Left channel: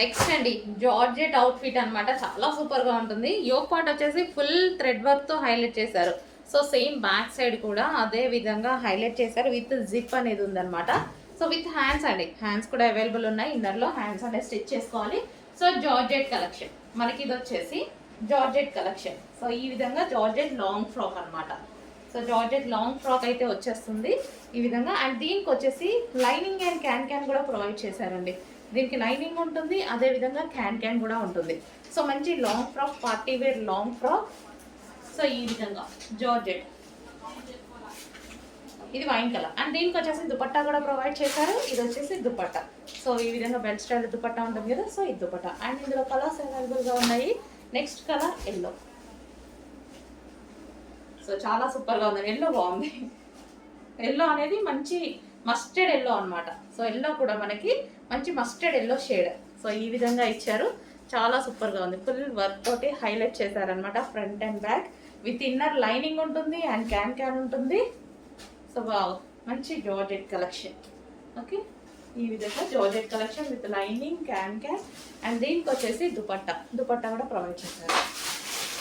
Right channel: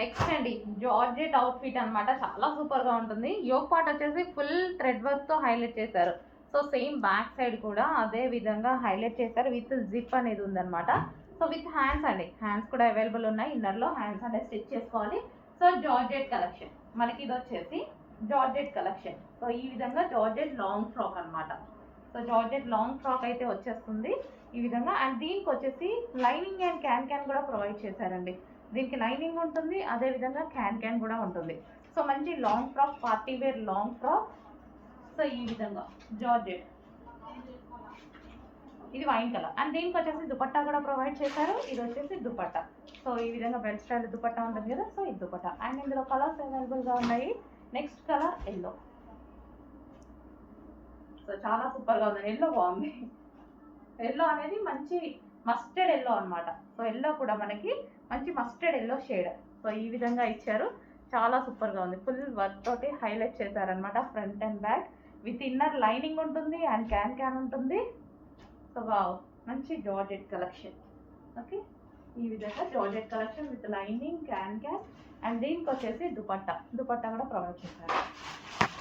Next అండి georgette outfit అనమాట. చాలా సూపర్గా ఉంటుంది. యోక్ పార్ట్ వచ్చేసి ఫుల్ థ్రెడ్ వర్క్తో హైలైట్ చేశారు. సో సేమ్ బ్యాక్ సైడ్ కూడా అదే విధంగా హైలైట్ చేశారు. విత్ జిప్ అనేది ఉందన్నమాట. సో విత్ హ్యాండ్స్ అండి, హ్యాండ్స్ కూడా అవైలబుల్ ఉన్నాయి. ఇన్నర్లో హ్యాండ్స్ అనేది స్టిచ్ చేసుకోవాలి. సో జార్జెట్ కలెక్షన్ మనకి ఇది వచ్చేసి జార్జెట్ కలెక్షన్. సో ఈ విధంగా జార్జెట్ లాంగ్ ఫ్రాక్ అనమాట. సో జార్జెట్ లాంగ్ ఫ్రాక్ అయితే వచ్చేస్తుంది ఈ విధంగా. అండ్ దీనికి వచ్చేసి లైనింగ్ అండ్ క్యాన్ కూడా ప్రొవైడ్ చేశారండి. దీనికి లైనింగ్ ఉంటుంది, అదేవిధంగా క్యాన్ కూడా ఉంటుంది. సో మంచి long frock, party wear long frock. So ఈ విధంగా జార్జెట్, ఇది వైన్ కలర్. అండ్ దీనికి వచ్చేసి దుపట్టా కూడా ప్రొవైడ్ చేశారు. ఇది వచ్చేసి దుపట్టా. సో ఈ విధంగా బెల్ట్ స్టైల్ దుపట్టా ఉంటుంది కదా, సో ఇది దుపట్టా. అండ్ ఇందులో కలర్స్ అవైలబుల్గా ఉన్నాయి. Next colour yellow. సో చాలా సూపర్గా ఉంది. ఎల్లో బాగుంది. ఎల్లో అనేది మంచి మస్టర్డ్ ఎల్లో అనమాట. సో ఎల్లో కూడా మనకి మంచి మస్టర్డ్ ఎల్లో షేడ్. సో ఈ విధంగా ఇచ్చారు. చాలా సూపర్గా ఉంది. ఫుల్ వర్క్ తోటి హైలైట్ చేశారనమాట. Front and back with inner lining ఉంటుంది అండ్ క్యాన్ ఉంటుంది. సో వావ్, మంచి జార్జెట్ కలెక్షన్. ఓకే, ఈ విధంగా georgette collection with lining can and దీనికి వచ్చేసి దుపట్టా కూడా ప్రొవైడ్ చేశారు.